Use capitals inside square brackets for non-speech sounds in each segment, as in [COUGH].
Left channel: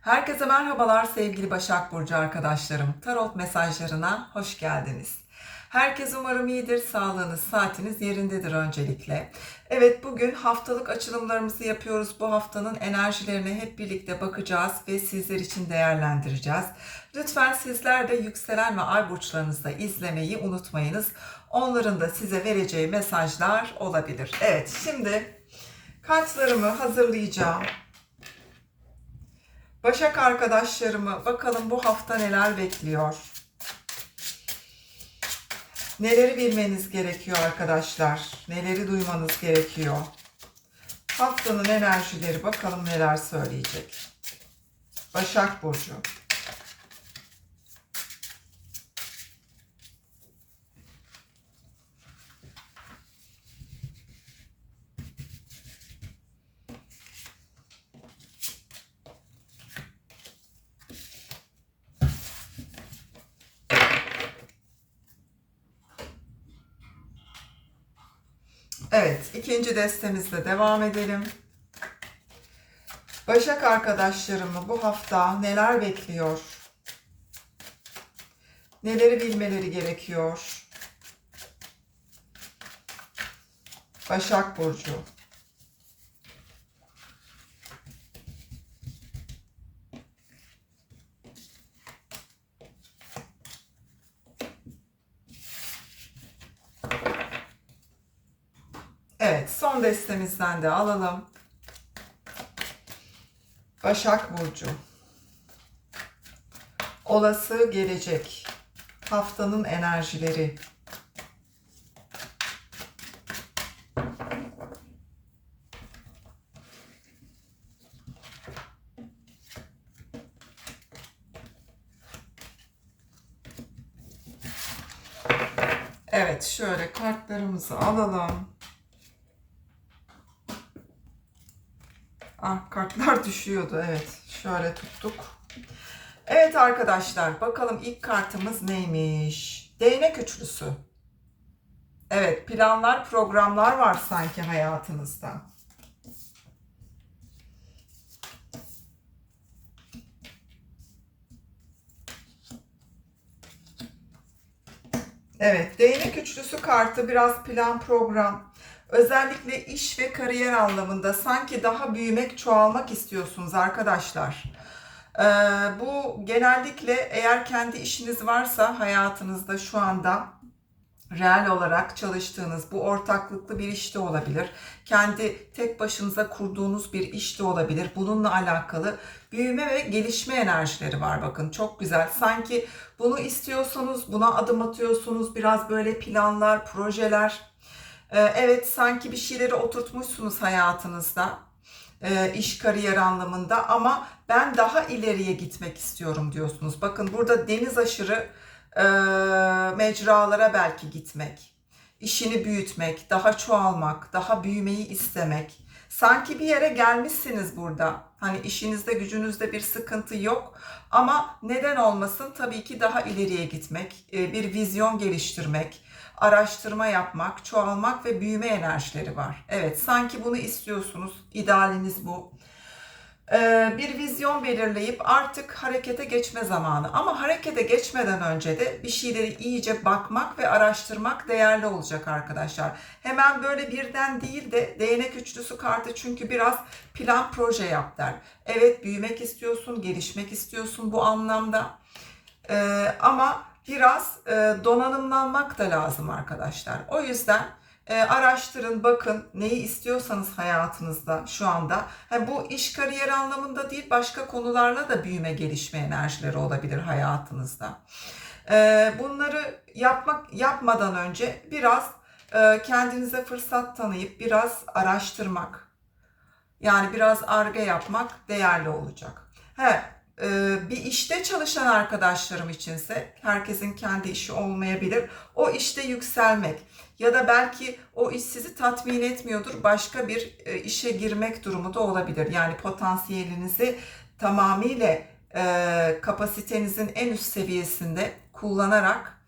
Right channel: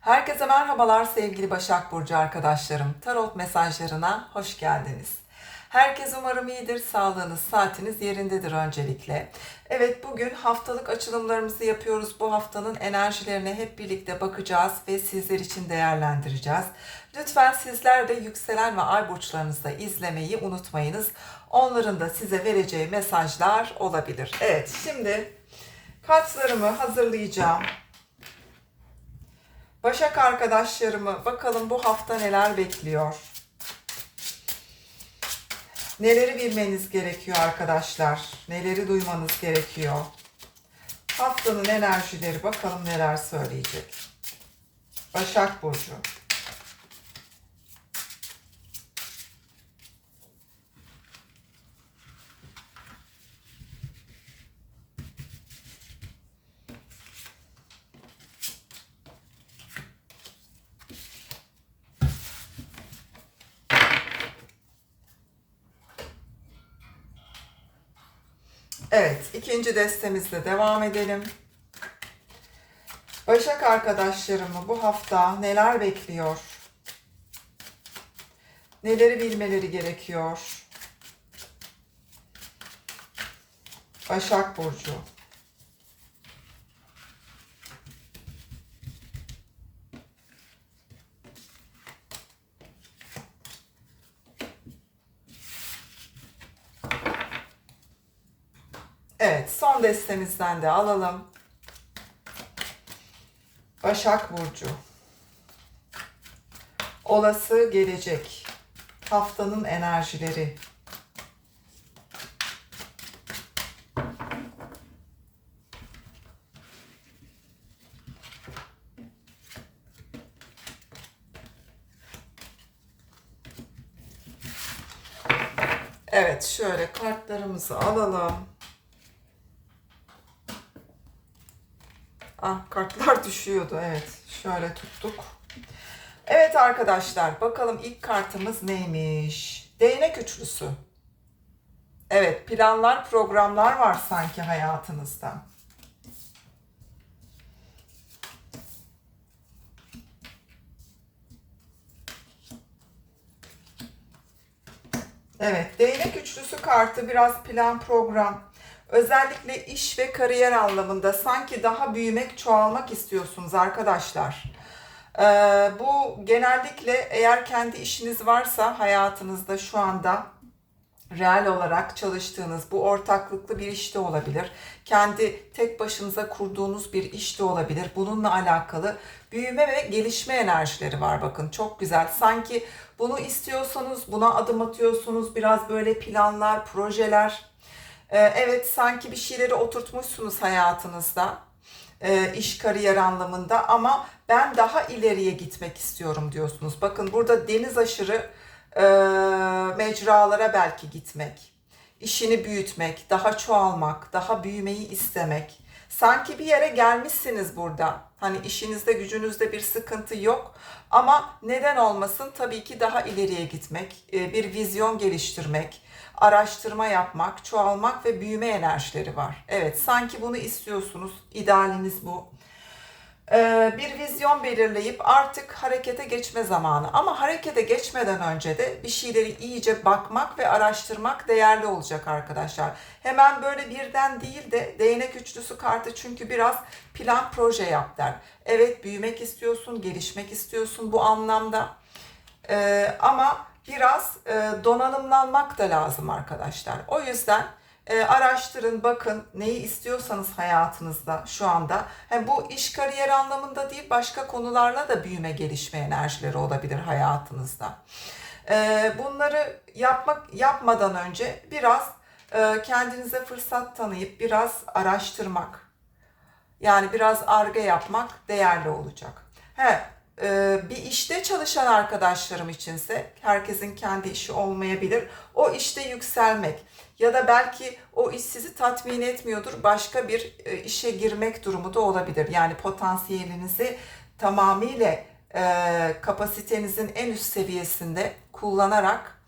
Herkese merhabalar sevgili Başak Burcu arkadaşlarım. Tarot mesajlarına hoş geldiniz. Herkes umarım iyidir, sağlığınız, saatiniz yerindedir öncelikle. Evet bugün haftalık açılımlarımızı yapıyoruz. Bu haftanın enerjilerine hep birlikte bakacağız ve sizler için değerlendireceğiz. Lütfen sizler de yükselen ve ay burçlarınızda izlemeyi unutmayınız. Onların da size vereceği mesajlar olabilir. Evet şimdi kartlarımı hazırlayacağım. Başak arkadaşlarımı bakalım bu hafta neler bekliyor. Neleri bilmeniz gerekiyor arkadaşlar? Neleri duymanız gerekiyor? Haftanın enerjileri bakalım neler söyleyecek. Başak Burcu. Evet, ikinci destemizle devam edelim. Başak arkadaşlarımı bu hafta neler bekliyor? Neleri bilmeleri gerekiyor? Başak Burcu. Evet, son destemizden de alalım. Başak Burcu. Olası gelecek. Haftanın enerjileri. Evet, şöyle kartlarımızı alalım. Ah kartlar [LAUGHS] düşüyordu evet. Şöyle tuttuk. Evet arkadaşlar bakalım ilk kartımız neymiş? Değnek üçlüsü. Evet planlar programlar var sanki hayatınızda. Evet değnek üçlüsü kartı biraz plan program Özellikle iş ve kariyer anlamında sanki daha büyümek, çoğalmak istiyorsunuz arkadaşlar. Ee, bu genellikle eğer kendi işiniz varsa hayatınızda şu anda reel olarak çalıştığınız bu ortaklıklı bir iş de olabilir. Kendi tek başınıza kurduğunuz bir iş de olabilir. Bununla alakalı büyüme ve gelişme enerjileri var bakın çok güzel. Sanki bunu istiyorsanız buna adım atıyorsunuz. Biraz böyle planlar, projeler, evet sanki bir şeyleri oturtmuşsunuz hayatınızda e, iş kariyer anlamında ama ben daha ileriye gitmek istiyorum diyorsunuz. Bakın burada deniz aşırı e, mecralara belki gitmek, işini büyütmek, daha çoğalmak, daha büyümeyi istemek. Sanki bir yere gelmişsiniz burada. Hani işinizde gücünüzde bir sıkıntı yok ama neden olmasın tabii ki daha ileriye gitmek, e, bir vizyon geliştirmek, araştırma yapmak, çoğalmak ve büyüme enerjileri var. Evet, sanki bunu istiyorsunuz. İdealiniz bu. Ee, bir vizyon belirleyip artık harekete geçme zamanı. Ama harekete geçmeden önce de bir şeyleri iyice bakmak ve araştırmak değerli olacak arkadaşlar. Hemen böyle birden değil de değnek üçlüsü kartı çünkü biraz plan proje yap der. Evet büyümek istiyorsun, gelişmek istiyorsun bu anlamda. Ee, ama biraz e, donanımlanmak da lazım arkadaşlar. O yüzden e, araştırın, bakın neyi istiyorsanız hayatınızda şu anda. He, bu iş kariyer anlamında değil, başka konularla da büyüme, gelişme enerjileri olabilir hayatınızda. E, bunları yapmak yapmadan önce biraz e, kendinize fırsat tanıyıp biraz araştırmak, yani biraz arge yapmak değerli olacak. He, e, bir işte çalışan arkadaşlarım içinse herkesin kendi işi olmayabilir. O işte yükselmek ya da belki o iş sizi tatmin etmiyordur. Başka bir e, işe girmek durumu da olabilir. Yani potansiyelinizi tamamıyla e, kapasitenizin en üst seviyesinde kullanarak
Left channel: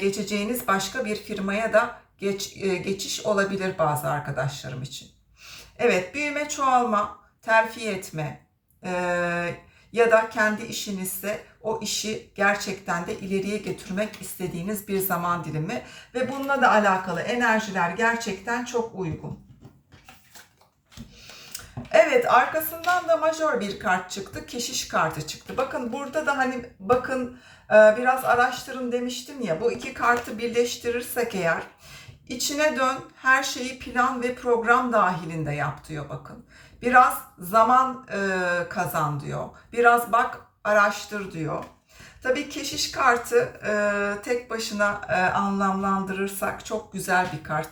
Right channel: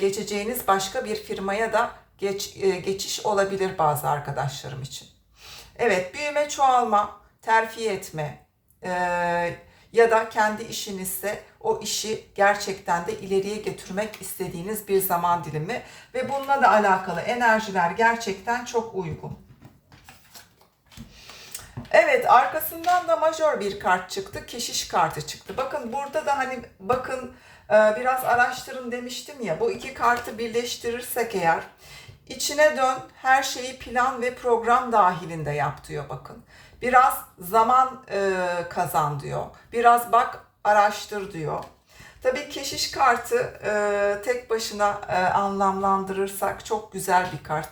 geçeceğiniz başka bir firmaya da geç, geçiş olabilir bazı arkadaşlarım için. Evet, büyüme, çoğalma, terfi etme, ya da kendi işinizse o işi gerçekten de ileriye götürmek istediğiniz bir zaman dilimi ve bununla da alakalı enerjiler gerçekten çok uygun. Evet arkasından da majör bir kart çıktı. Keşiş kartı çıktı. Bakın burada da hani bakın e, biraz araştırın demiştim ya. Bu iki kartı birleştirirsek eğer içine dön her şeyi plan ve program dahilinde yap diyor bakın. Biraz zaman e, kazan diyor. Biraz bak araştır diyor. Tabii keşiş kartı e, tek başına e, anlamlandırırsak çok güzel bir kart.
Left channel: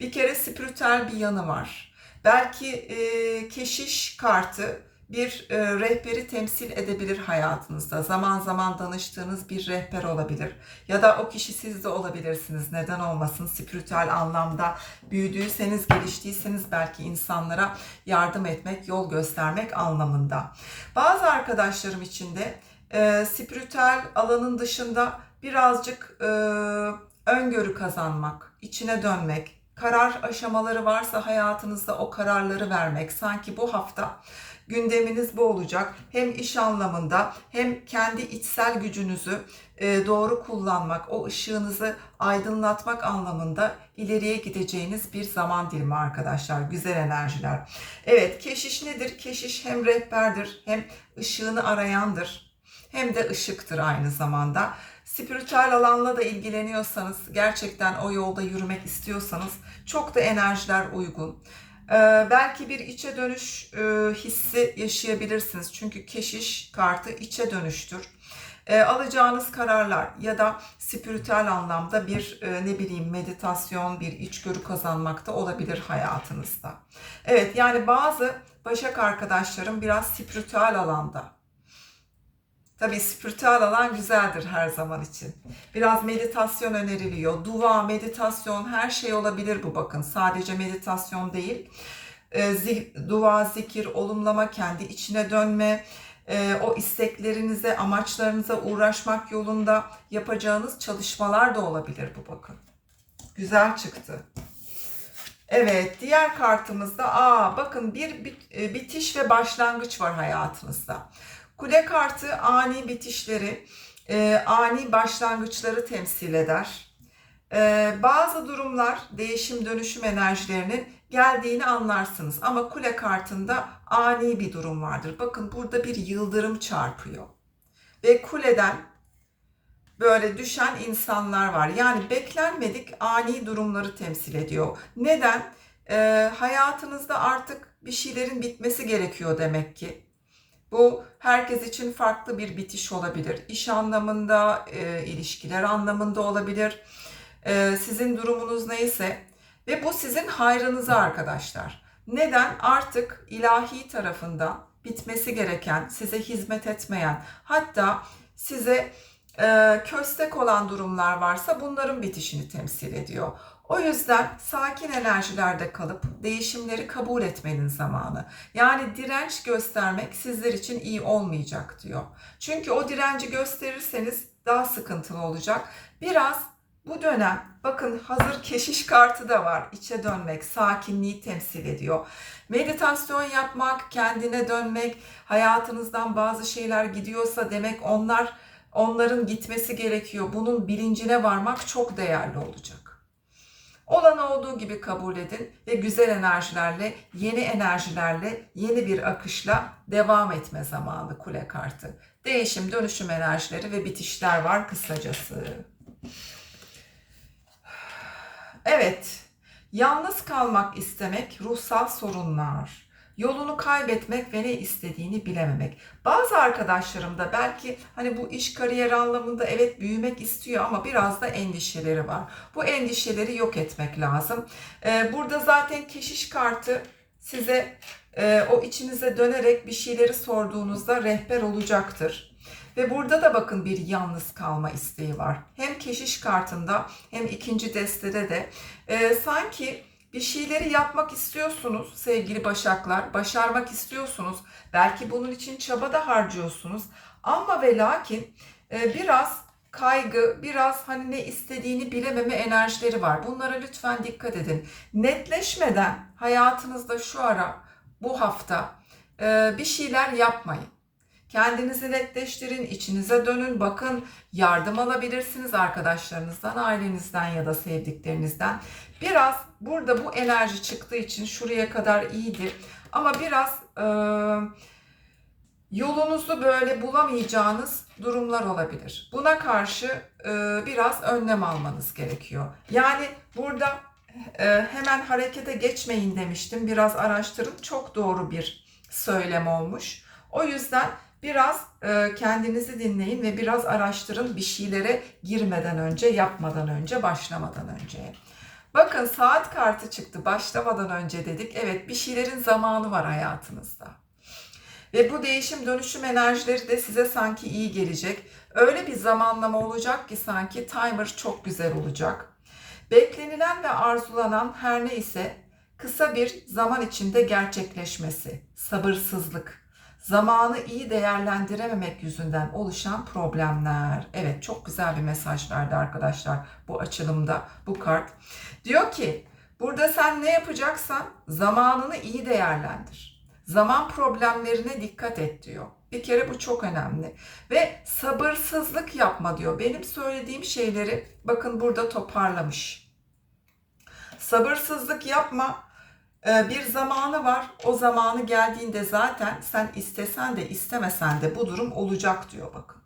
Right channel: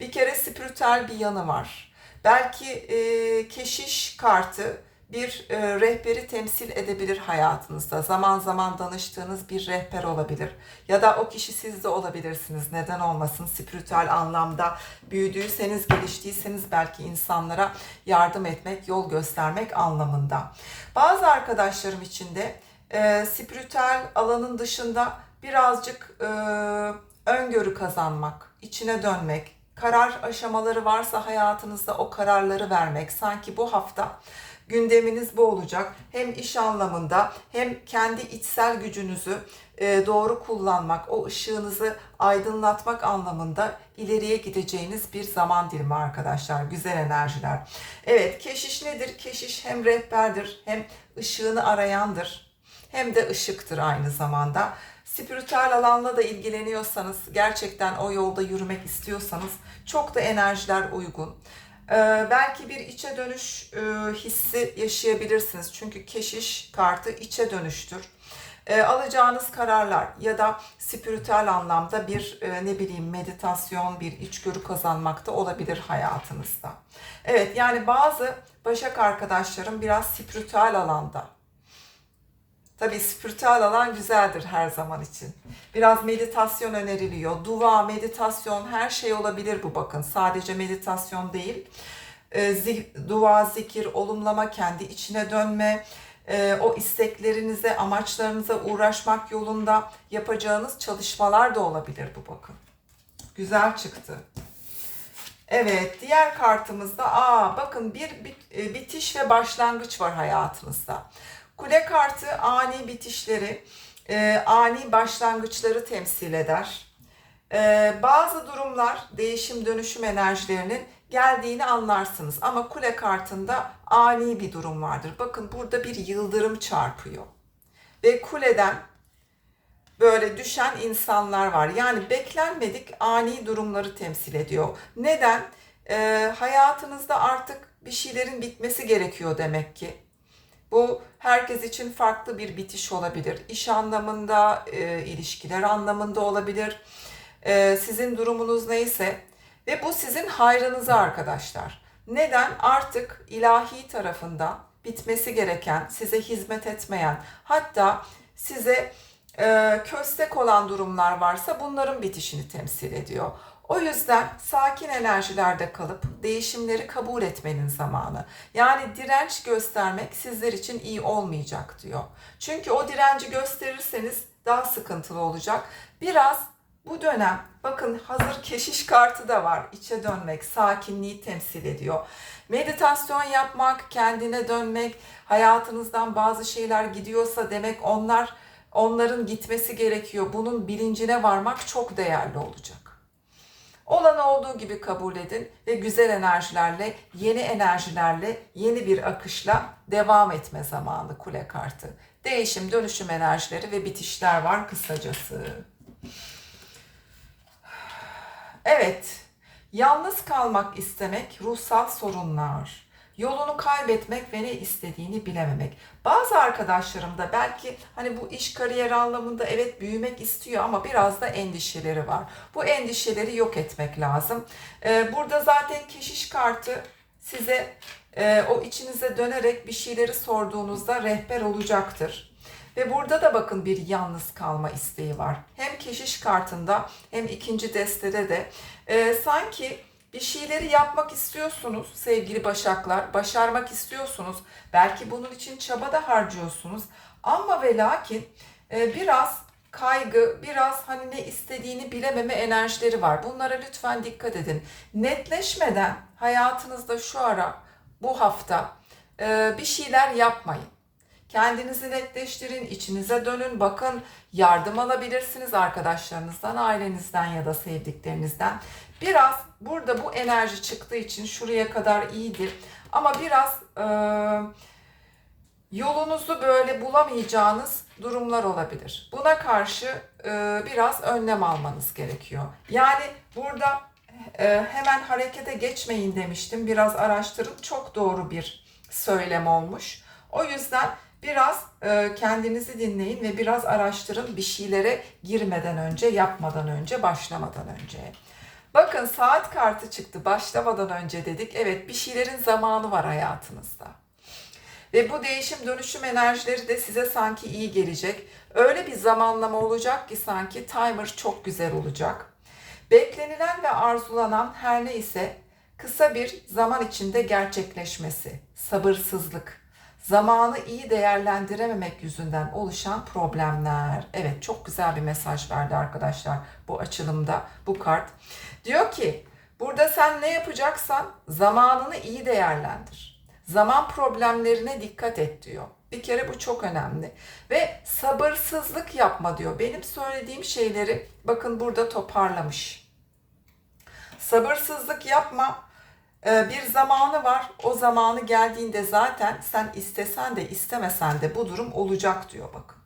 Bir kere spiritüel bir yanı var. Belki e, keşiş kartı bir e, rehberi temsil edebilir hayatınızda. Zaman zaman danıştığınız bir rehber olabilir. Ya da o kişi siz de olabilirsiniz. Neden olmasın? Spiritüel anlamda büyüdüyseniz, geliştiyseniz belki insanlara yardım etmek, yol göstermek anlamında. Bazı arkadaşlarım için de e, spiritüel alanın dışında birazcık e, öngörü kazanmak, içine dönmek, karar aşamaları varsa hayatınızda o kararları vermek. Sanki bu hafta gündeminiz bu olacak. Hem iş anlamında hem kendi içsel gücünüzü e, doğru kullanmak, o ışığınızı aydınlatmak anlamında ileriye gideceğiniz bir zaman dilimi arkadaşlar. Güzel enerjiler. Evet, keşiş nedir? Keşiş hem rehberdir, hem ışığını arayandır, hem de ışıktır aynı zamanda. Spiritüel alanla da ilgileniyorsanız, gerçekten o yolda yürümek istiyorsanız çok da enerjiler uygun. Ee, belki bir içe dönüş e, hissi yaşayabilirsiniz. Çünkü keşiş kartı içe dönüştür. Ee, alacağınız kararlar ya da spiritüel anlamda bir e, ne bileyim meditasyon, bir içgörü kazanmak da olabilir hayatınızda. Evet yani bazı Başak arkadaşlarım biraz spiritüel alanda Tabii spiritüel alan güzeldir her zaman için. Biraz meditasyon öneriliyor. Dua, meditasyon her şey olabilir bu bakın. Sadece meditasyon değil. E, dua, zikir, olumlama, kendi içine dönme, e, o isteklerinize, amaçlarınıza uğraşmak yolunda yapacağınız çalışmalar da olabilir bu bakın. Güzel çıktı. Evet, diğer kartımızda aa bakın bir e, bitiş ve başlangıç var hayatınızda. Kule kartı ani bitişleri, e, ani başlangıçları temsil eder. E, bazı durumlar değişim dönüşüm enerjilerinin geldiğini anlarsınız. Ama kule kartında ani bir durum vardır. Bakın burada bir yıldırım çarpıyor. Ve kuleden böyle düşen insanlar var. Yani beklenmedik ani durumları temsil ediyor. Neden? E, hayatınızda artık bir şeylerin bitmesi gerekiyor demek ki. Bu herkes için farklı bir bitiş olabilir. İş anlamında, e, ilişkiler anlamında olabilir. E, sizin durumunuz neyse ve bu sizin hayrınıza arkadaşlar. Neden? Artık ilahi tarafından bitmesi gereken, size hizmet etmeyen, hatta size e, köstek olan durumlar varsa bunların bitişini temsil ediyor. O yüzden sakin enerjilerde kalıp değişimleri kabul etmenin zamanı. Yani direnç göstermek sizler için iyi olmayacak diyor. Çünkü o direnci gösterirseniz daha sıkıntılı olacak. Biraz bu dönem bakın hazır keşiş kartı da var. İçe dönmek, sakinliği temsil ediyor. Meditasyon yapmak, kendine dönmek, hayatınızdan bazı şeyler gidiyorsa demek onlar onların gitmesi gerekiyor. Bunun bilincine varmak çok değerli olacak. Olan olduğu gibi kabul edin ve güzel enerjilerle, yeni enerjilerle, yeni bir akışla devam etme zamanı kule kartı. Değişim, dönüşüm enerjileri ve bitişler var kısacası. Evet, yalnız kalmak istemek ruhsal sorunlar yolunu kaybetmek ve ne istediğini bilememek. Bazı arkadaşlarım da belki hani bu iş kariyer anlamında evet büyümek istiyor ama biraz da endişeleri var. Bu endişeleri yok etmek lazım. Ee, burada zaten keşiş kartı size e, o içinize dönerek bir şeyleri sorduğunuzda rehber olacaktır. Ve burada da bakın bir yalnız kalma isteği var. Hem keşiş kartında hem ikinci destede de e, sanki bir şeyleri yapmak istiyorsunuz sevgili başaklar, başarmak istiyorsunuz. Belki bunun için çaba da harcıyorsunuz. Ama ve lakin e, biraz kaygı, biraz hani ne istediğini bilememe enerjileri var. Bunlara lütfen dikkat edin. Netleşmeden hayatınızda şu ara, bu hafta e, bir şeyler yapmayın. Kendinizi netleştirin, içinize dönün, bakın yardım alabilirsiniz arkadaşlarınızdan, ailenizden ya da sevdiklerinizden. Biraz burada bu enerji çıktığı için şuraya kadar iyiydi. Ama biraz e, yolunuzu böyle bulamayacağınız durumlar olabilir. Buna karşı e, biraz önlem almanız gerekiyor. Yani burada e, hemen harekete geçmeyin demiştim. Biraz araştırın. Çok doğru bir söylem olmuş. O yüzden biraz e, kendinizi dinleyin ve biraz araştırın bir şeylere girmeden önce, yapmadan önce, başlamadan önce. Bakın saat kartı çıktı başlamadan önce dedik. Evet bir şeylerin zamanı var hayatınızda. Ve bu değişim dönüşüm enerjileri de size sanki iyi gelecek. Öyle bir zamanlama olacak ki sanki timer çok güzel olacak. Beklenilen ve arzulanan her neyse kısa bir zaman içinde gerçekleşmesi, sabırsızlık, zamanı iyi değerlendirememek yüzünden oluşan problemler. Evet çok güzel bir mesaj verdi arkadaşlar bu açılımda bu kart. Diyor ki burada sen ne yapacaksan zamanını iyi değerlendir. Zaman problemlerine dikkat et diyor. Bir kere bu çok önemli. Ve sabırsızlık yapma diyor. Benim söylediğim şeyleri bakın burada toparlamış. Sabırsızlık yapma. Ee, bir zamanı var. O zamanı geldiğinde zaten sen istesen de istemesen de bu durum olacak diyor bakın.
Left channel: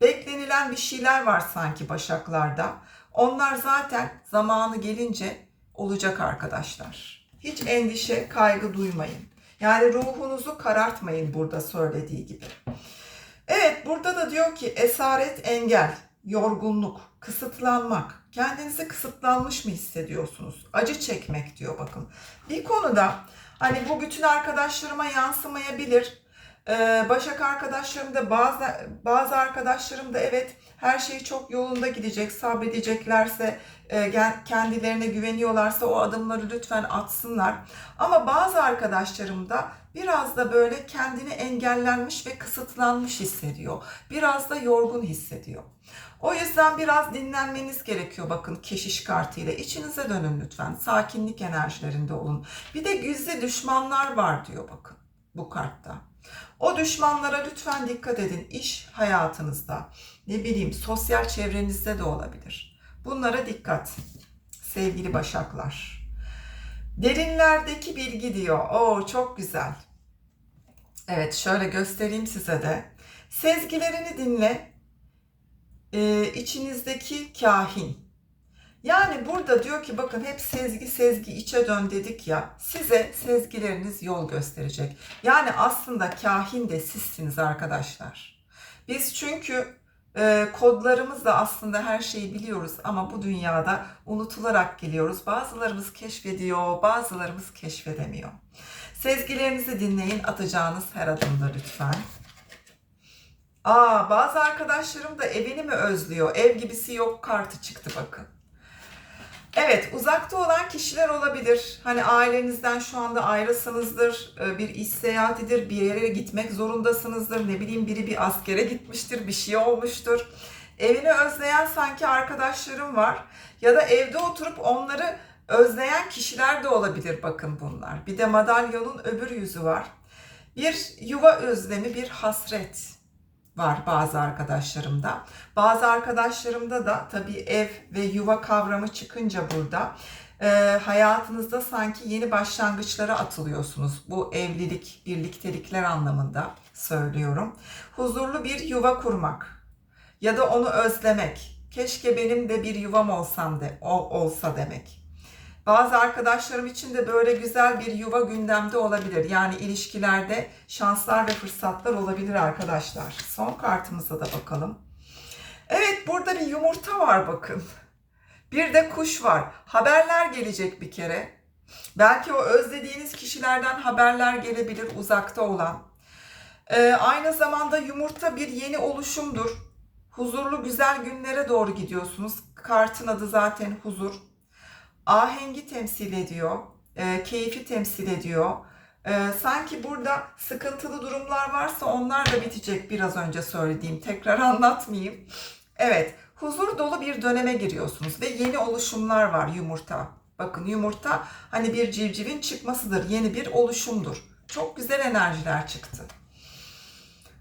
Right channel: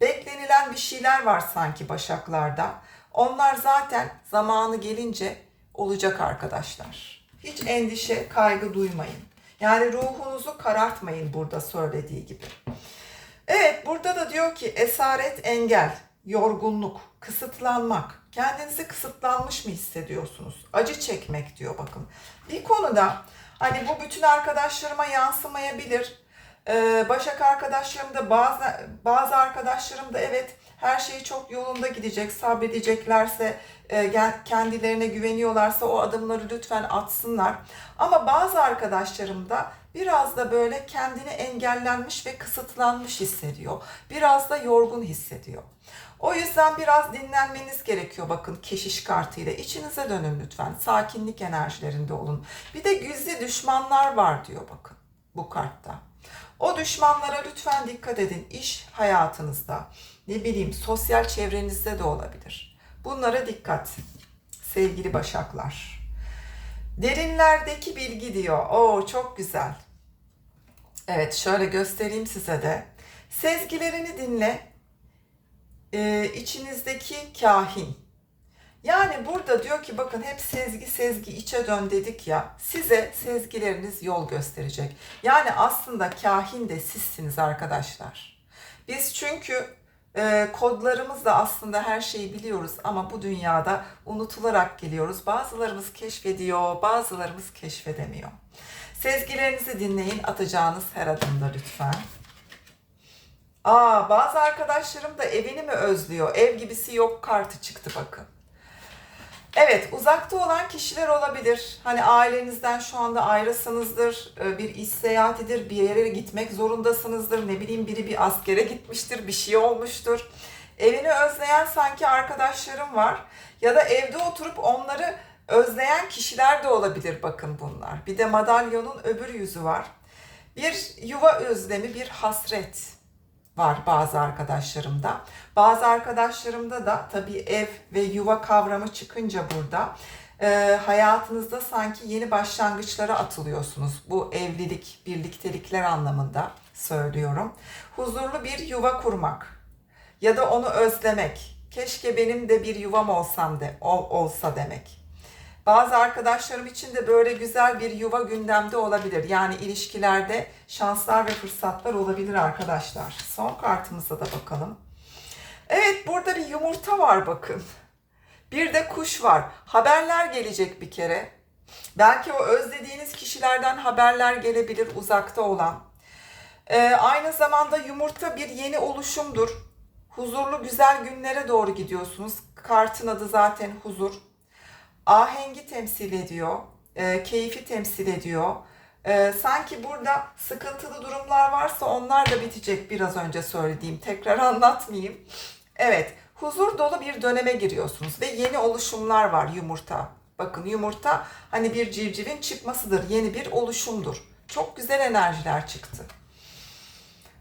Beklenilen bir şeyler var sanki başaklarda. Onlar zaten zamanı gelince olacak arkadaşlar. Hiç endişe, kaygı duymayın. Yani ruhunuzu karartmayın burada söylediği gibi. Evet burada da diyor ki esaret engel, yorgunluk, kısıtlanmak. Kendinizi kısıtlanmış mı hissediyorsunuz? Acı çekmek diyor bakın. Bir konuda hani bu bütün arkadaşlarıma yansımayabilir. Ee, Başak arkadaşlarım da bazı bazı arkadaşlarım da evet her şey çok yolunda gidecek, sabredeceklerse, e, kendilerine güveniyorlarsa o adımları lütfen atsınlar. Ama bazı arkadaşlarım da biraz da böyle kendini engellenmiş ve kısıtlanmış hissediyor. Biraz da yorgun hissediyor. O yüzden biraz dinlenmeniz gerekiyor bakın keşiş kartıyla. İçinize dönün lütfen. Sakinlik enerjilerinde olun. Bir de gizli düşmanlar var diyor bakın bu kartta. O düşmanlara lütfen dikkat edin. İş hayatınızda, ne bileyim sosyal çevrenizde de olabilir. Bunlara dikkat sevgili başaklar. Derinlerdeki bilgi diyor. Oo çok güzel. Evet şöyle göstereyim size de. Sezgilerini dinle. Ee, içinizdeki kahin. Yani burada diyor ki bakın hep sezgi sezgi içe dön dedik ya. Size sezgileriniz yol gösterecek. Yani aslında kahin de sizsiniz arkadaşlar. Biz çünkü e, kodlarımızla aslında her şeyi biliyoruz ama bu dünyada unutularak geliyoruz. Bazılarımız keşfediyor, bazılarımız keşfedemiyor. Sezgilerinizi dinleyin atacağınız her adımda lütfen. Aa, bazı arkadaşlarım da evini mi özlüyor? Ev gibisi yok kartı çıktı bakın. Evet, uzakta olan kişiler olabilir. Hani ailenizden şu anda ayrılsanızdır, e, bir iş seyahatidir, bir yere gitmek zorundasınızdır. Ne bileyim biri bir askere gitmiştir, bir şey olmuştur. Evini özleyen sanki arkadaşlarım var. Ya da evde oturup onları özleyen kişiler de olabilir bakın bunlar. Bir de madalyonun öbür yüzü var. Bir yuva özlemi, bir hasret var bazı arkadaşlarımda. Bazı arkadaşlarımda da tabii ev ve yuva kavramı çıkınca burada e, hayatınızda sanki yeni başlangıçlara atılıyorsunuz. Bu evlilik, birliktelikler anlamında söylüyorum. Huzurlu bir yuva kurmak ya da onu özlemek. Keşke benim de bir yuvam olsam de, o olsa demek. Bazı arkadaşlarım için de böyle güzel bir yuva gündemde olabilir. Yani ilişkilerde şanslar ve fırsatlar olabilir arkadaşlar. Son kartımıza da bakalım. Evet burada bir yumurta var bakın. Bir de kuş var. Haberler gelecek bir kere. Belki o özlediğiniz kişilerden haberler gelebilir uzakta olan. Ee, aynı zamanda yumurta bir yeni oluşumdur. Huzurlu güzel günlere doğru gidiyorsunuz. Kartın adı zaten huzur ahengi temsil ediyor, e, keyfi temsil ediyor. E, sanki burada sıkıntılı durumlar varsa onlar da bitecek biraz önce söylediğim. Tekrar [LAUGHS] anlatmayayım. Evet, huzur dolu bir döneme giriyorsunuz ve yeni oluşumlar var yumurta. Bakın yumurta hani bir civcivin çıkmasıdır, yeni bir oluşumdur. Çok güzel enerjiler çıktı.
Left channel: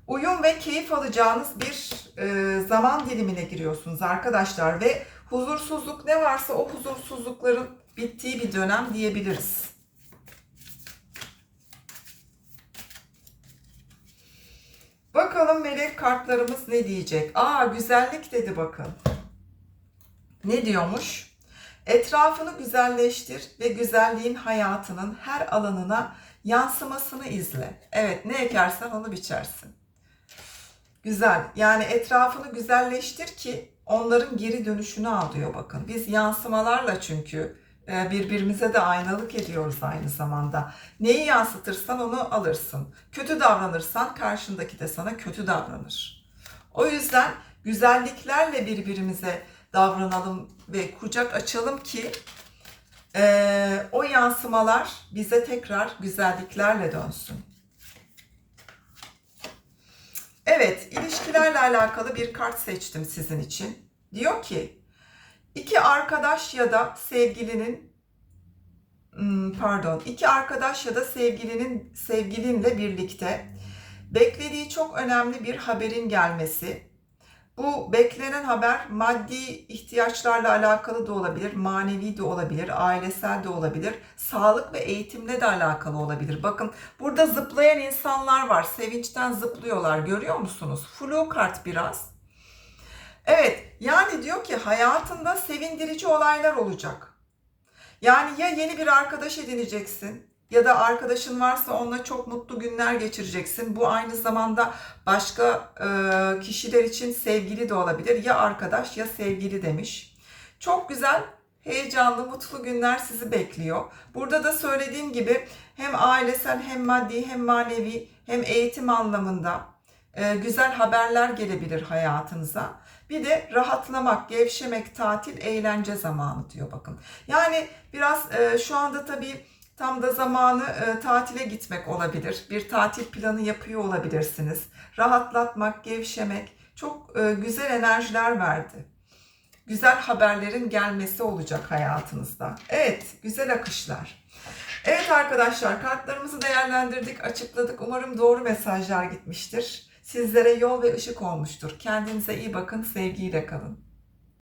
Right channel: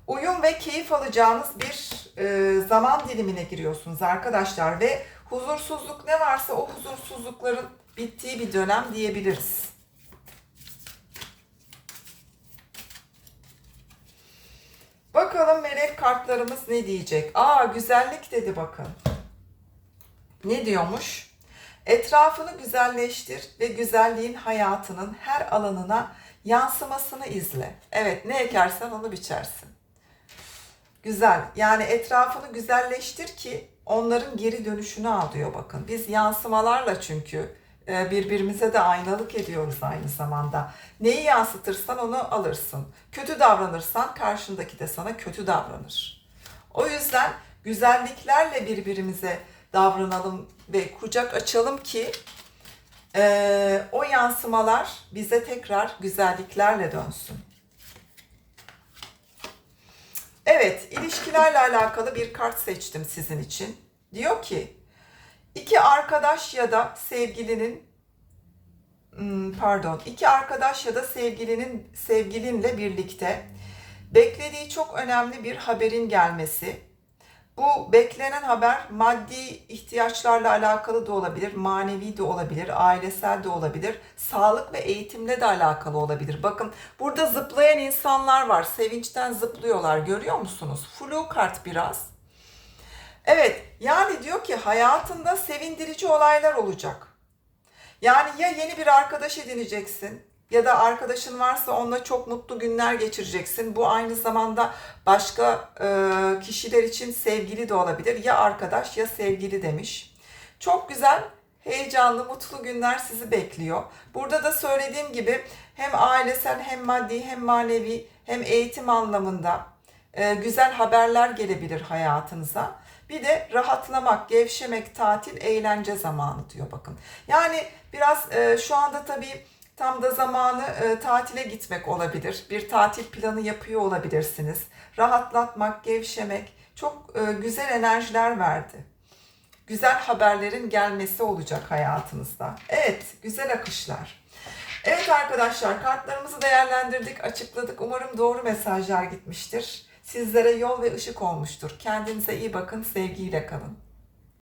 uyum ve keyif alacağınız bir e, zaman dilimine giriyorsunuz arkadaşlar ve huzursuzluk ne varsa o huzursuzlukların bittiği bir dönem diyebiliriz. Bakalım melek kartlarımız ne diyecek? Aa güzellik dedi bakın. Ne diyormuş? Etrafını güzelleştir ve güzelliğin hayatının her alanına yansımasını izle. Evet ne ekersen onu biçersin. Güzel. Yani etrafını güzelleştir ki onların geri dönüşünü al diyor bakın. Biz yansımalarla çünkü e, birbirimize de aynalık ediyoruz aynı zamanda. Neyi yansıtırsan onu alırsın. Kötü davranırsan karşındaki de sana kötü davranır. O yüzden güzelliklerle birbirimize davranalım ve kucak açalım ki e, o yansımalar bize tekrar güzelliklerle dönsün. Evet, ilişkilerle alakalı bir kart seçtim sizin için. Diyor ki, iki arkadaş ya da sevgilinin hmm, pardon, iki arkadaş ya da sevgilinin sevgilinle birlikte beklediği çok önemli bir haberin gelmesi. Bu beklenen haber maddi ihtiyaçlarla alakalı da olabilir, manevi de olabilir, ailesel de olabilir, sağlık ve eğitimle de alakalı olabilir. Bakın burada zıplayan insanlar var, sevinçten zıplıyorlar görüyor musunuz? Flu kart biraz. Evet, yani diyor ki hayatında sevindirici olaylar olacak. Yani ya yeni bir arkadaş edineceksin ya da arkadaşın varsa onunla çok mutlu günler geçireceksin. Bu aynı zamanda başka e, kişiler için sevgili de olabilir. Ya arkadaş ya sevgili demiş. Çok güzel, heyecanlı, mutlu günler sizi bekliyor. Burada da söylediğim gibi hem ailesel hem maddi hem manevi hem eğitim anlamında e, güzel haberler gelebilir hayatınıza. Bir de rahatlamak, gevşemek, tatil, eğlence zamanı diyor bakın. Yani biraz e, şu anda tabii tam da zamanı e, tatile gitmek olabilir. Bir tatil planı yapıyor olabilirsiniz. Rahatlatmak, gevşemek çok e, güzel enerjiler verdi. Güzel haberlerin gelmesi olacak hayatınızda. Evet, güzel akışlar. Evet arkadaşlar kartlarımızı değerlendirdik, açıkladık. Umarım doğru mesajlar gitmiştir. Sizlere yol ve ışık olmuştur. Kendinize iyi bakın, sevgiyle kalın.